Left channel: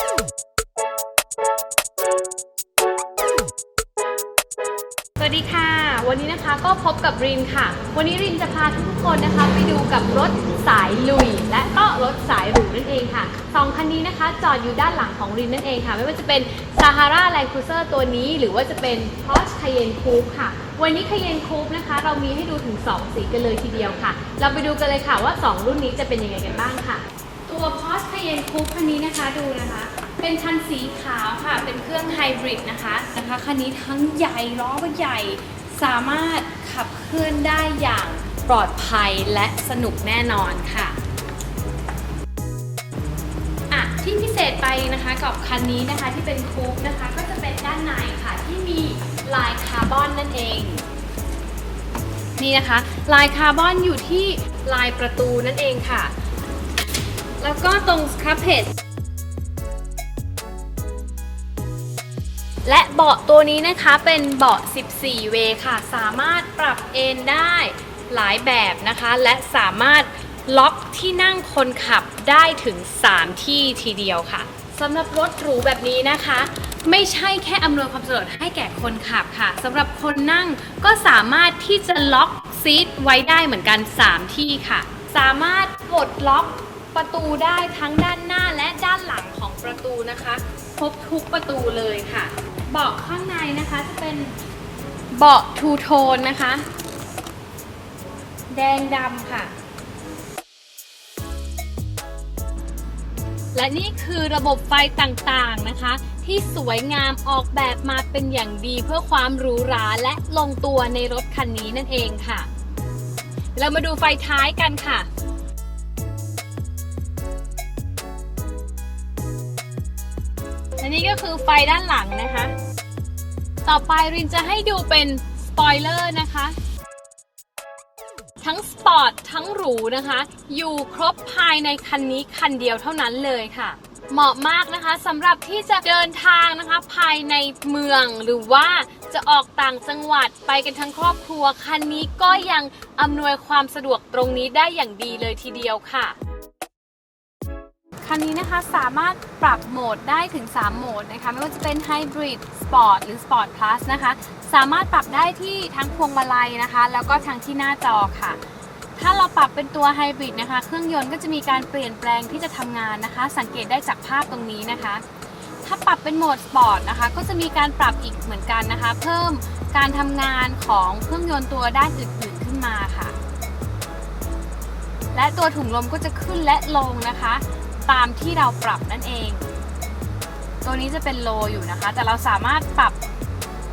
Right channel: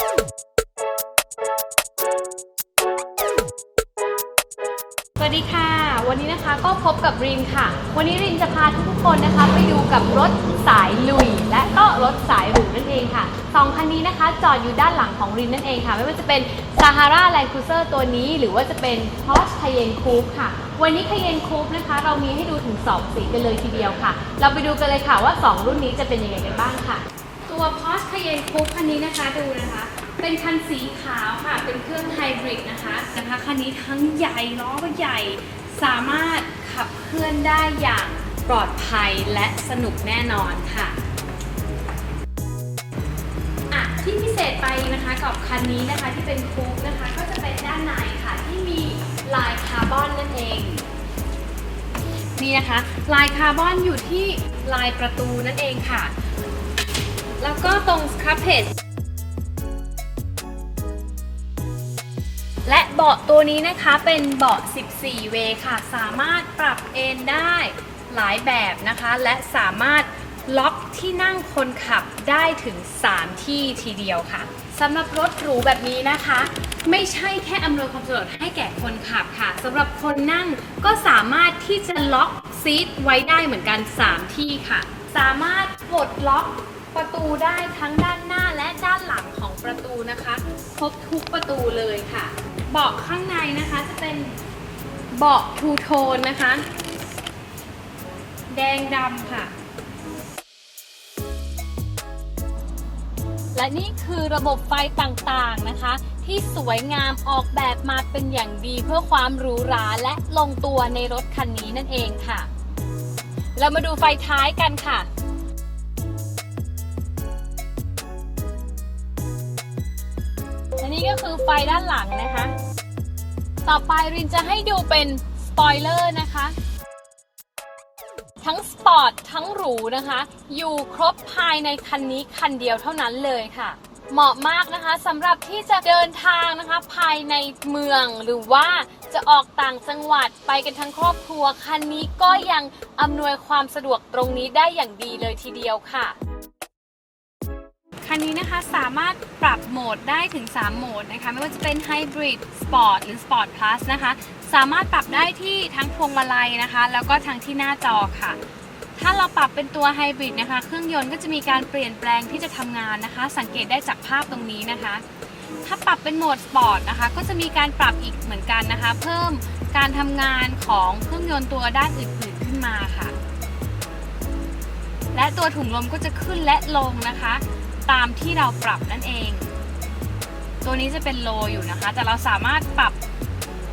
สวัสดีค่ะ วันนี้นะคะก็พบกับรินค่ะ วันนี้รินจะพาทุกๆคนนะคะ ไปดูกับรถสายลุย และก็รถสายหรูนั่นเองค่ะสองคันนี้นะคะ จอดอยู่ด้านหลังของรินนั่นเองค่ะ ไม่ว่าจะเป็น Sahara Land Cruiser ตัวนี้ หรือว่าจะเป็น Porsche Cayenne Coupe ค่ะ วันนี้ Cayenne Coupe นะคะ เรามีให้ดูถึง 2 สีกันเลยทีเดียวค่ะ เราไปดูกันเลยค่ะว่า 2 รุ่นนี้จะเป็นยังไงกันบ้างค่ะ ตัว Porsche Cayenne Coupe คันนี้นะคะดูนะคะ เป็นคันสีขาวค่ะ เป็นเครื่องไฮบริดนะคะนะคะคันนี้ทั้งใหญ่ล้อก็ใหญ่สามารถขับเคลื่อนได้อย่างปลอดภัยและสนุกแน่นอนค่ะอะที่พิเศษไปนะคะกับคันนี้นะคะที่เป็นคูปนะคะ ก็จะเป็นด้านในค่ะที่มีลายคาร์บอนนั่นเองนี่นะคะ ลายคาร์บอนอยู่ที่ลายประตูนั่นเองค่ะ แล้วก็ตรงสครับเพจและเบาะตัวนี้นะคะเป็นเบาะ 14 เวค่ะ สามารถปรับเอนได้หลายแบบนะคะ และสามารถล็อกที่นั่งคนขับได้ถึง 3 ที่ทีเดียวค่ะสำหรับรถหรูแบบนี้นะคะ ไม่ใช่แค่อำนวยความสะดวกให้แก่คนขับค่ะสำหรับคนนั่งก็สามารถที่จะล็อกซีทไว้ได้เหมือนกัน 3 ที่ค่ะ สามารถปลดล็อก ประตูได้ทั้งด้านหน้าและด้านหลังของประตูนะคะครบทุกประตูเลยค่ะ เบาะข้างในนะคะจะเป็นเบาะทูโทนนะคะ แดงดำค่ะ และนี่คือระบบไฟต่างๆนะคะ ที่สวยงามออกแบบมาเป็นอย่างดีเพื่อความหรูหราและลงตัวในรถคันนี้นั่นเองค่ะ เรามาดูไฟท้ายกันค่ะ อันนี้ก็คือไฟด้านหลังนะคะ ต่อไปรินจะให้ดูเป็นสปอยเลอร์นะคะ ทั้งสปอร์ตทั้งหรูนะคะ อยู่ครบภายในคันนี้คันเดียวเท่านั้นเลยค่ะเหมาะมากนะคะสำหรับที่จะเดินทางนะคะ ภายในเมืองหรือว่าจะออกต่างจังหวัดไปกันทั้งครอบครัว คันนี้ก็ยังอำนวยความสะดวกตรงนี้ได้อย่างดีเลยทีเดียวค่ะ คันนี้นะคะสามารถปรับโหมดได้ถึง 3 โหมดนะคะ ไม่ว่าจะเป็น Hybrid Sport หรือ Sport Plus นะคะ สามารถปรับได้ที่ทั้งพวงมาลัยนะคะ แล้วก็ทั้งที่หน้าจอค่ะ ถ้าเราปรับเป็นตัว Hybrid นะคะ เครื่องยนต์ก็จะมีการเปลี่ยนแปลงที่จะทำงานนะคะ สังเกตได้จากภาพตรงนี้นะคะ ถ้าปรับเป็นโหมด Sport นะคะ ก็จะมีการปรับอีกเหมือนกันนะคะ เพิ่มการทำงานของเครื่องยนต์ตัวด้านอื่นๆขึ้นมาค่ะ และตัวถุงลมก็จะขึ้นและลงนะคะ ตามที่เราปรับนั่นเอง ตัวนี้จะเป็นโลอยู่นะคะ แต่เราสามารถปรับ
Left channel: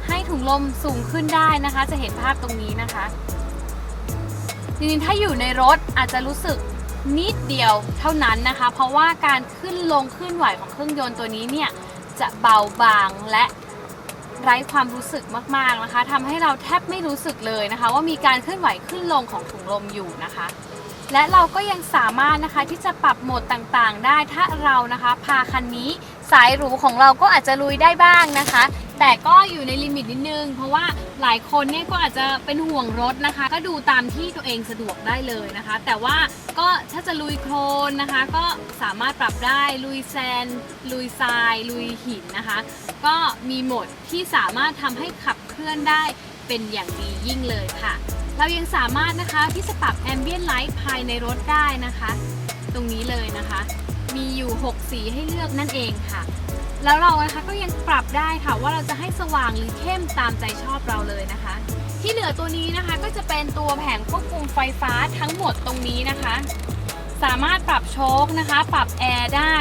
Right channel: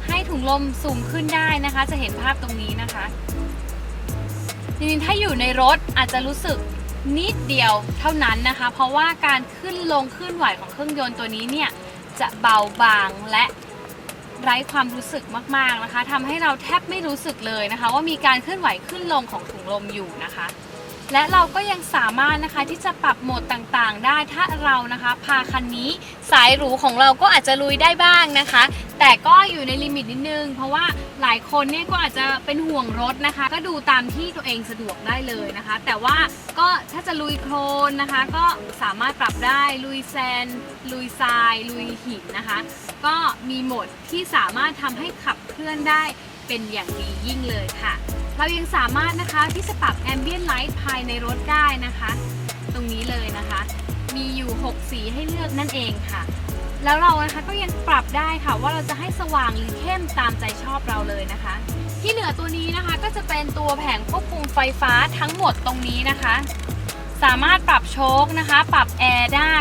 ให้ถุงลมสูงขึ้นได้นะคะ จะเห็นภาพตรงนี้นะคะจริงๆถ้าอยู่ในรถอาจจะรู้สึกนิดเดียวเท่านั้นนะคะ เพราะว่าการขึ้นลงขึ้นไหวของเครื่องยนต์ตัวนี้เนี่ยจะเบาบางและไร้ความรู้สึกมากๆนะคะทำให้เราแทบไม่รู้สึกเลยนะคะ ว่ามีการเคลื่อนไหวขึ้นลงของถุงลมอยู่นะคะ และเราก็ยังสามารถนะคะที่จะปรับโหมดต่างๆ ได้ถ้าเรานะคะพาคันนี้สายหรูของเราก็อาจจะลุยได้บ้างนะคะ แต่ก็อยู่ในลิมิตนิดนึง เพราะว่าหลายคนเนี่ยก็อาจจะเป็นห่วงรถนะคะ ก็ดูตามที่ตัวเองสะดวกได้เลยนะคะ แต่ว่าก็ถ้าจะลุยโคลนนะคะ ก็สามารถปรับได้ลุยแซนลุยทราย ลุยหินนะคะ ก็มีโหมดที่สามารถทำให้ขับเคลื่อนได้เป็นอย่างดียิ่งเลยค่ะ เรายังสามารถนะคะที่จะปรับ Ambient Light ภายในรถได้นะคะ ตรงนี้เลยนะคะ มีอยู่ 6 สีให้เลือกนั่นเองค่ะ แล้วเรานะคะก็ยังปรับได้ค่ะว่าเราจะให้สว่างหรือเข้มตามใจชอบเราเลยนะคะ ที่เหลือตัวนี้นะคะก็จะเป็นตัวแผงควบคุมไฟฟ้าทั้งหมดตรงนี้นะคะ สามารถปรับโชคนะคะ ปรับแอร์ได้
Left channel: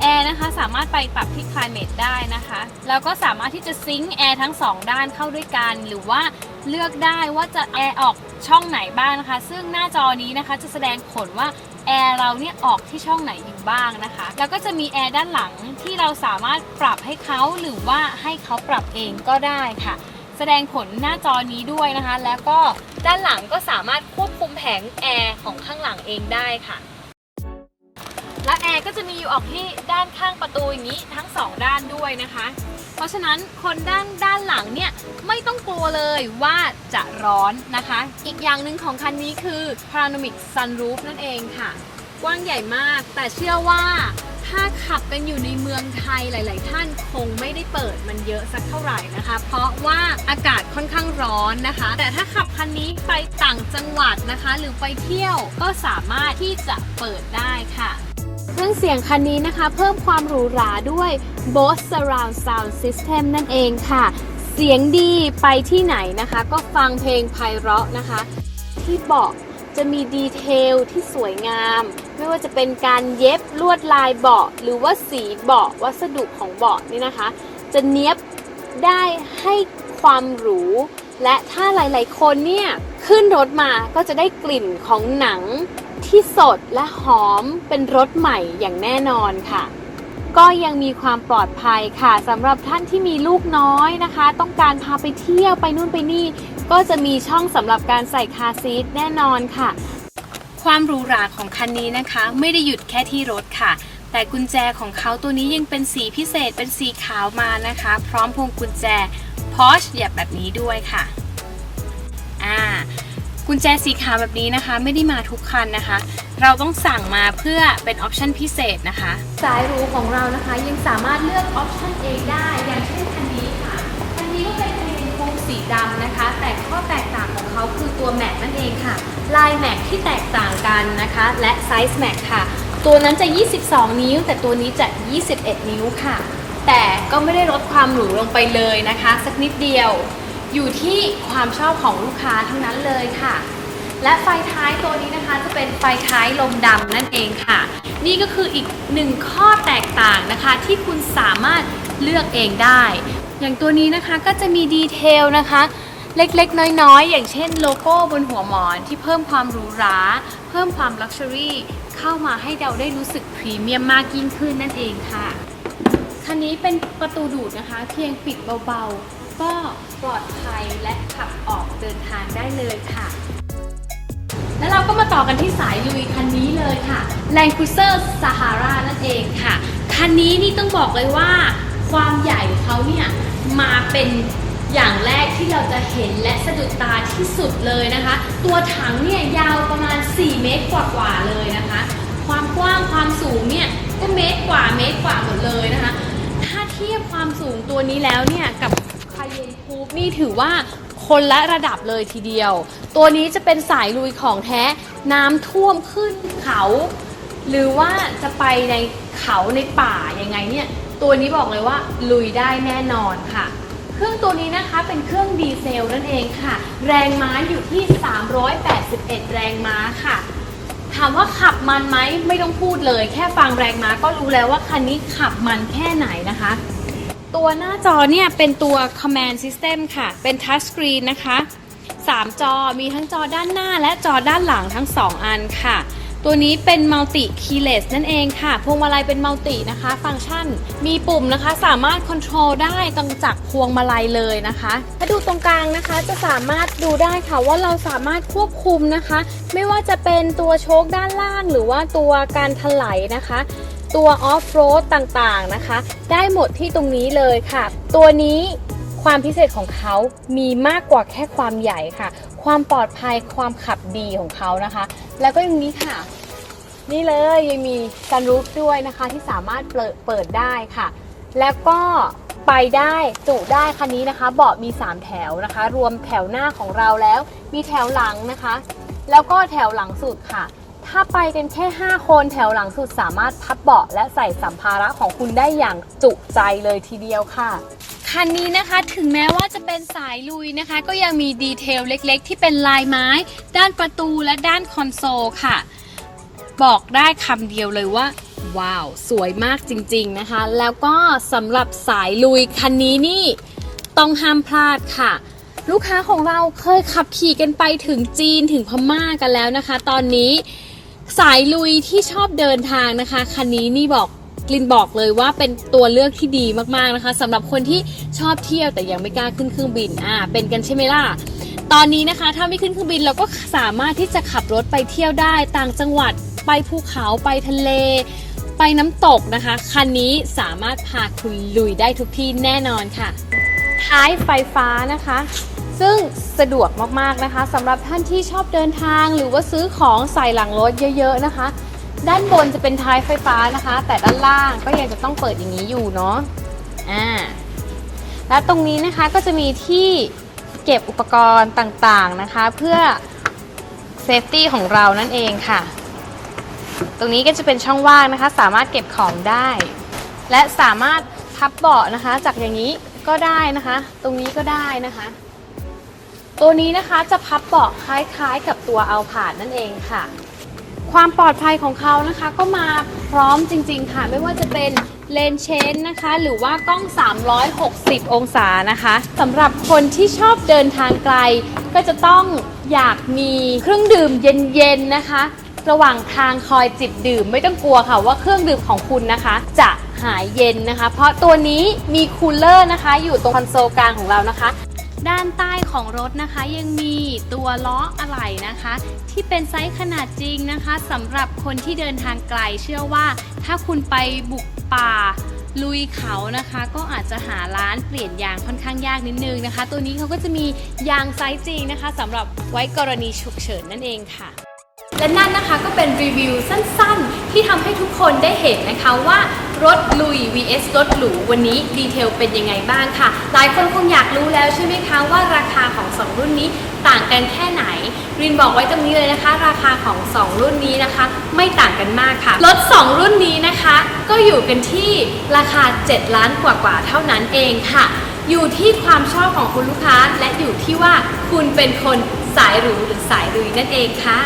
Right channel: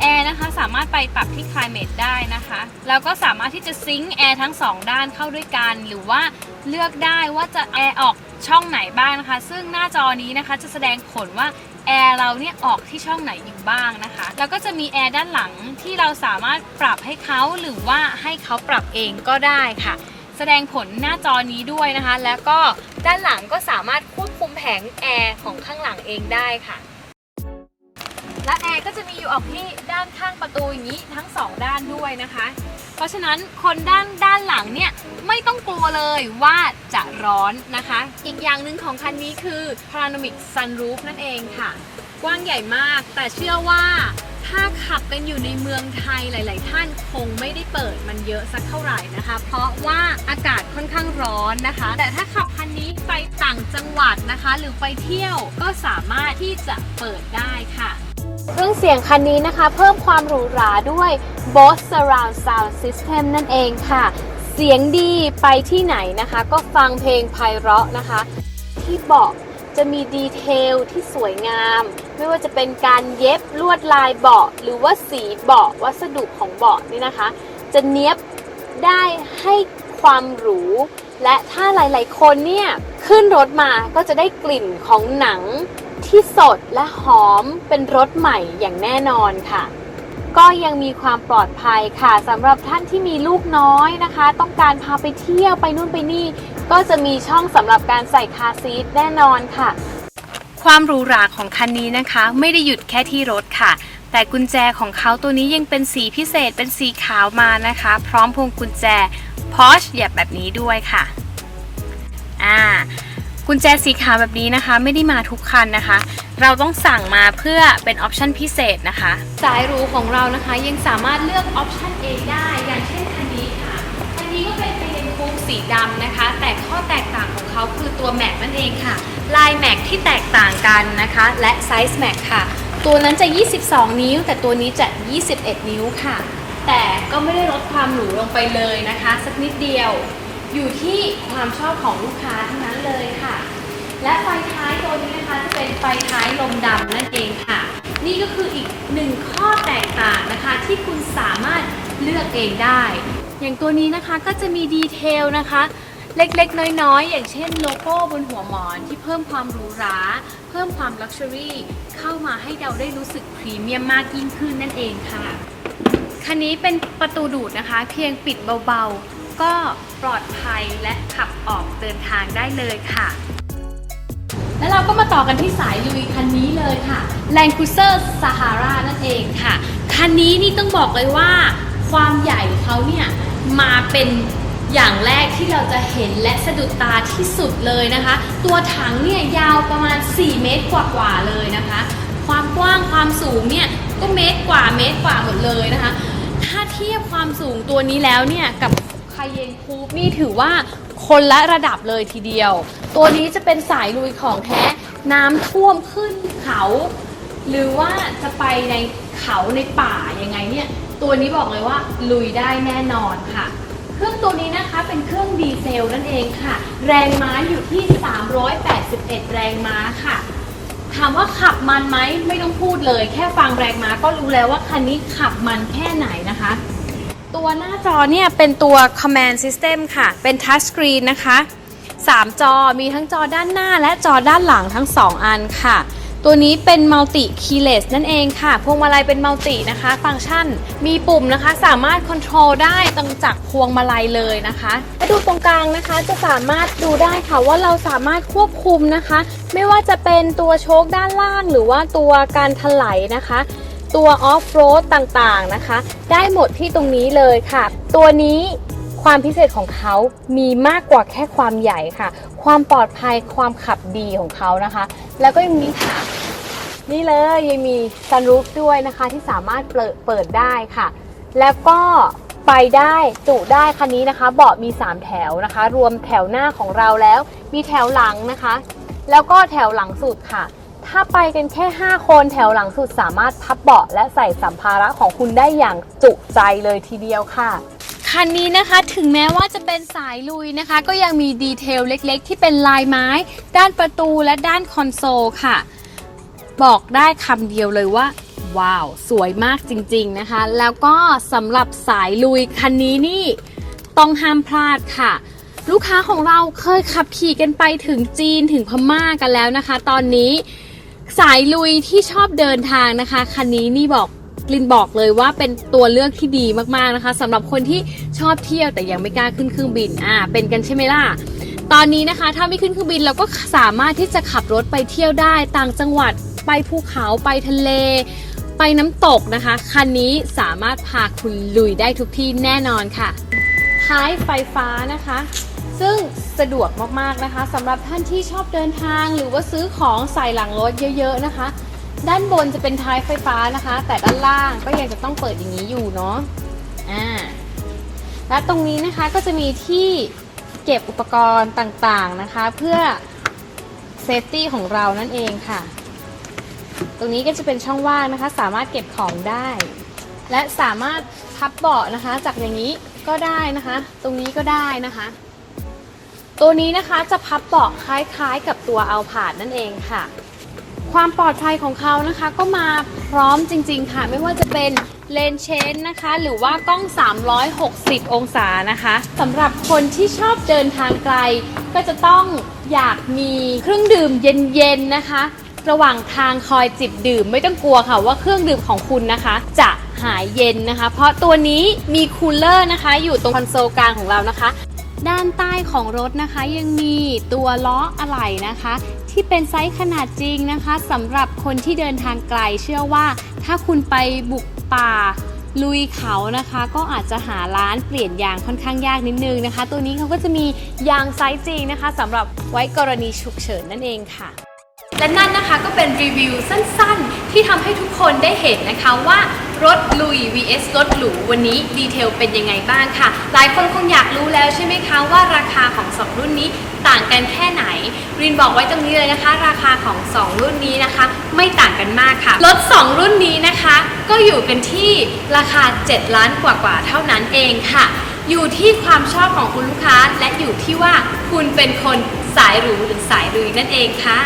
แอร์นะคะสามารถไปปรับที่ climate ได้นะคะ แล้วก็สามารถที่จะซิงค์แอร์ทั้งสองด้านเข้าด้วยกัน หรือว่าเลือกได้ว่าจะแอร์ออก ช่องไหนบ้างนะคะ ซึ่งหน้าจอนี้นะคะจะแสดงผลว่าแอร์เราเนี่ยออกที่ช่องไหนอยู่บ้างนะคะ แล้วก็จะมีแอร์ด้านหลังที่เราสามารถปรับให้เขาหรือว่าให้เขาปรับเองก็ได้ค่ะ แสดงผลหน้าจอนี้ด้วยนะคะ แล้วก็ด้านหลังก็สามารถควบคุมแผงแอร์ของข้างหลังเองได้ค่ะ และแอร์ก็จะมีอยู่ออกที่ด้านข้างประตูอย่างนี้ทั้งสองด้านด้วยนะคะ เพราะฉะนั้นคนด้านด้านหลังเนี่ยไม่ต้องกลัวเลยว่าจะร้อนนะคะ อีกอย่างหนึ่งของคันนี้คือ Panoramic Sunroof นั่นเองค่ะ กว้างใหญ่มาก แต่เชื่อว่าถ้าขับกันอยู่ในเมืองไทยหลาย ๆ ท่านคงไม่ได้เปิดมันเยอะสักเท่าไหร่นะคะ เพราะว่าอากาศค่อนข้างร้อนนะคะ แต่ถ้าขับคันนี้ไปต่างจังหวัดนะคะ หรือไปเที่ยวก็สามารถที่จะเปิดได้ค่ะ เครื่องเสียงคันนี้นะคะ เพิ่มความหรูหราด้วย Bose Surround Sound System นั่นเองค่ะ เสียงดีไปที่ไหนนะคะ ก็ฟังเพลงไพเราะนะคะ ที่เบาะจะมีดีเทลที่สวยงาม ไม่ว่าจะเป็นการเย็บลวดลายเบาะ หรือว่าสีเบาะวัสดุของเบาะนี่นะคะ จะเนี้ยบได้ให้ความหรู และถ้าหลาย ๆ คนเนี่ย ขึ้นรถมาก็จะได้กลิ่นของหนัง ที่สดและหอมเป็นรถใหม่อย่างแน่นอนค่ะ ก็ยังมีความปลอดภัยค่ะสำหรับท่านที่มีลูกน้อยนะคะ ต้องการพาไปเที่ยวไปนู่นไปนี่ ก็จะมีช่องสำหรับการใส่คาร์ซีทแน่นอนค่ะ ความหรูหราของคันนี้นะคะ ไม่ได้หยุดแค่ที่รถค่ะแต่กุญแจของเขาตัวนี้ยังเป็นสีพิเศษเป็นสีขาวมานะคะ พร้อมพวงกุญแจ Porsche แบบนี้ด้วยค่ะ อ่า กุญแจสีขาวแบบนี้นะคะ ไม่ได้มาทุกคันนะคะ เราต้องสั่งมาเพื่อเป็นออปชันพิเศษนะคะ สายรูของเรานะคะยังสามารถเลือกออปชันเองได้ อย่างเช่นคันนี้ค่ะ คันนี้ก็เป็นเป็นคูปสีดำนะคะ แต่ข้อแตกต่างของเขาคือตัวแม็กนั่นเองค่ะ ลายแม็กที่แตกต่างกันนะคะ และไซส์แม็กค่ะ ตัวนั้นจะ 22 นิ้ว แต่ตัวนี้จะ 21 นิ้วค่ะ แต่ก็ไม่ได้ลดความหรูลงไปเลยนะคะ สักนิดเดียว อยู่ที่ความชอบของลูกค้าทั้งนั้นเลยค่ะ และไฟท้ายตัวนี้นะคะจะเป็นไฟท้ายลมดำนั่นเองค่ะ นี่ก็คืออีกหนึ่งข้อแตกต่างนะคะ ที่คุณสามารถเลือกเองได้ อย่างตัวนี้นะคะก็จะมีดีเทลนะคะเล็กๆ น้อยๆ อย่างเช่นโลโก้บนหัวหมอนที่เพิ่มความหรูหรา เพิ่มความลักชัวรี่เข้ามาให้เราได้รู้สึกพรีเมียมมากยิ่งขึ้นนั่นเองค่ะ คันนี้เป็นประตูดูดนะคะ เพียงปิดเบาๆ ก็ปลอดภัยและขับออกเดินทางได้เลยค่ะ แล้วเราก็มาต่อกันที่สายลุยคันนี้เลยค่ะ Land Cruiser Sahara นั่นเองค่ะ คันนี้นี่ต้องบอกเลยว่าความใหญ่เขาเนี่ยมาเป็นอย่างแรกที่เราจะเห็นและสะดุดตาที่สุดเลยนะคะ ตัวถังเนี่ยยาวประมาณ 4 เมตรกว่าๆเลยนะคะ ความกว้างความสูงเนี่ยก็เมตรกว่าเมตรกว่าหมดเลยนะคะ ถ้าเทียบความสูงตัวนี้แล้วเนี่ยกับ คาเยนคูปนี่ถือว่าคนละระดับเลยทีเดียว ตัวนี้จะเป็นสายลุยของแท้น้ำท่วมขึ้นเขา หรือว่าจะไปในเขาในป่ายังไงเนี่ย ตัวนี้บอกเลยว่าลุยได้แน่นอนค่ะ เครื่องตัวนี้นะคะเป็นเครื่องดีเซลนั่นเองค่ะ แรงม้าอยู่ที่ 381 แรงม้าค่ะถามว่าขับมันไหมไม่ต้องพูดเลย แค่ฟังแรงม้าก็รู้แล้วว่าคันนี้ขับมันแค่ไหนนะคะ ตัวหน้าจอเนี่ยเป็นตัว command system ค่ะ เป็น touch screen นะคะ 3 จอมีทั้งจอด้านหน้าและจอด้านหลังทั้ง 2 อันค่ะ ตัวนี้เป็น multi keyless นั่นเองค่ะ พวงมาลัยเป็น multi นะคะ ฟังก์ชัน มีปุ่มนะคะ สามารถ control ได้ตั้งจากพวงมาลัยเลยนะคะถ้าดูตรงกลางนะคะ จะสามารถดูได้ค่ะว่าเราสามารถควบคุมนะคะ ไม่ว่าจะเป็นตัวโชคด้านล่าง หรือว่าตัวการถลายนะคะ ตัวออฟโรดต่างๆนะคะ ได้หมดที่ตรงนี้เลยค่ะ ตัวนี้ความพิเศษของเขามีมากกว่าแค่ความใหญ่ค่ะ ความปลอดภัยความขับดีของเขานะคะ แล้วก็ยังมีค่ะ นี่เลยยังมีซันรูฟด้วยนะคะที่สามารถเปิดเปิดได้ค่ะ แล้วก็ไปได้จุได้คันนี้นะคะ เบาะมี 3 แถวนะคะ รวมแถวหน้าของเราแล้ว มีแถวหลังนะคะ แล้วก็แถวหลังสุดค่ะ ถ้าไปกันแค่ 5 คนแถวหลังสุดสามารถพับเบาะและใส่สัมภาระของคุณได้อย่างจุใจเลยทีเดียวค่ะ คันนี้นะคะถึงแม้ว่าจะเป็นสายลุยนะคะ ก็ยังมีดีเทลเล็กๆ ที่เป็นลายไม้ ด้านประตูและด้านคอนโซลค่ะ บอกได้คำเดียวเลยว่าว้าว สวยมากจริงๆนะคะ แล้วก็สำหรับสายลุยคันนี้นี่ต้องห้ามพลาดค่ะ ลูกค้าของเราเคยขับขี่กันไปถึงจีนถึงพม่ากันแล้วนะคะ ตอนนี้ สายลุยที่ชอบเดินทางนะคะ คันนี้นี่บอกกลินบอกเลยว่าเป็นตัวเลือกที่ดีมากๆนะคะสำหรับคนที่ชอบเที่ยวแต่ยังไม่กล้าขึ้นเครื่องบินอ่าเป็นกันใช่ไหมล่ะตอนนี้นะคะ ถ้าไม่ขึ้นเครื่องบินเราก็สามารถที่จะขับรถไปเที่ยวได้ต่างจังหวัดไปภูเขาไปทะเล ไปน้ำตกนะคะ คันนี้สามารถพาคุณลุยได้ทุกที่แน่นอนค่ะ ท้ายไฟฟ้านะคะ ซึ่งสะดวกมากๆนะคะสำหรับท่านที่ชอบเดินทางหรือว่าซื้อของใส่หลังรถเยอะ ๆนะคะ ด้านบนจะเป็นท้ายไฟฟ้านะคะ แต่ด้านล่างก็ยังจะต้องเปิดอย่างนี้อยู่เนาะอ่าและตรงนี้นะคะก็จะมีที่เก็บอุปกรณ์ต่างๆนะคะ เพื่อเซฟตี้ของเรานั่นเองค่ะ ตรงนี้ก็จะเป็นช่องว่างนะคะ สามารถเก็บของได้ และสามารถพับเบาะนะคะ จากอย่างนี้ก็ได้นะคะ ตรงนี้ก็ได้นะคะ ตัวนี้นะคะจะพับเบาะคล้ายๆ กับตัวเอาผ่าดนั่นเองค่ะ ความปลอดภัยของเขานะคะ ก็มาพร้อมจริง ๆ ค่ะ ไม่ว่าจะเป็นเลนเชนนะคะ หรือว่ากล้อง 360 องศานะคะสำหรับคนที่ชอบเดินทางไกล ก็จะต้องอยากมีเครื่องดื่มเย็นๆนะคะ ระหว่างทางคอยจิบดื่มไม่ต้องกลัวค่ะว่าเครื่องดื่มของคุณนะคะ จะหายเย็นนะคะ เพราะตัวนี้มีคูลเลอร์นะคะ อยู่ตรงคอนโซลกลางของเรานะคะ ด้านใต้ของรถนะคะ ยังมีตัวล้ออะไหล่นะคะ ที่เป็นไซส์ขนาดจริงนะคะสำหรับคนที่เดินทางไกลเชื่อว่า ถ้าคุณไปบุกป่าลุยเขานะคะ ก็อาจจะหาร้านเปลี่ยนยางค่อนข้างยากนิดนึงนะคะ ตัวนี้เขาก็จะมียางไซส์จริงนะคะสำหรับไว้กรณีฉุกเฉินนั่นเองค่ะ และนั่นนะคะก็เป็นรีวิวสั้นๆ ที่ทำให้ทุกคนได้เห็นนะคะว่า รถลุย vs รถหรูวันนี้ดีเทลเป็นยังไงบ้างค่ะ หลายคนคงอยากรู้แล้วใช่ไหมคะว่าราคาของ 2 รุ่นนี้ต่างกันแค่ไหน รินบอกไว้ตรงนี้เลยนะคะ ราคาของ 2 รุ่นนี้นะคะ ไม่ต่างกันมากค่ะ รถ 2 รุ่นนี้นะคะ ก็อยู่กันที่ราคา 7 ล้านกว่าๆเท่านั้นเองค่ะ อยู่ที่ความชอบของคุณลูกค้าและอยู่ที่ว่าคุณเป็นคนสายหรูหรือสายลุยนั่นเองค่ะ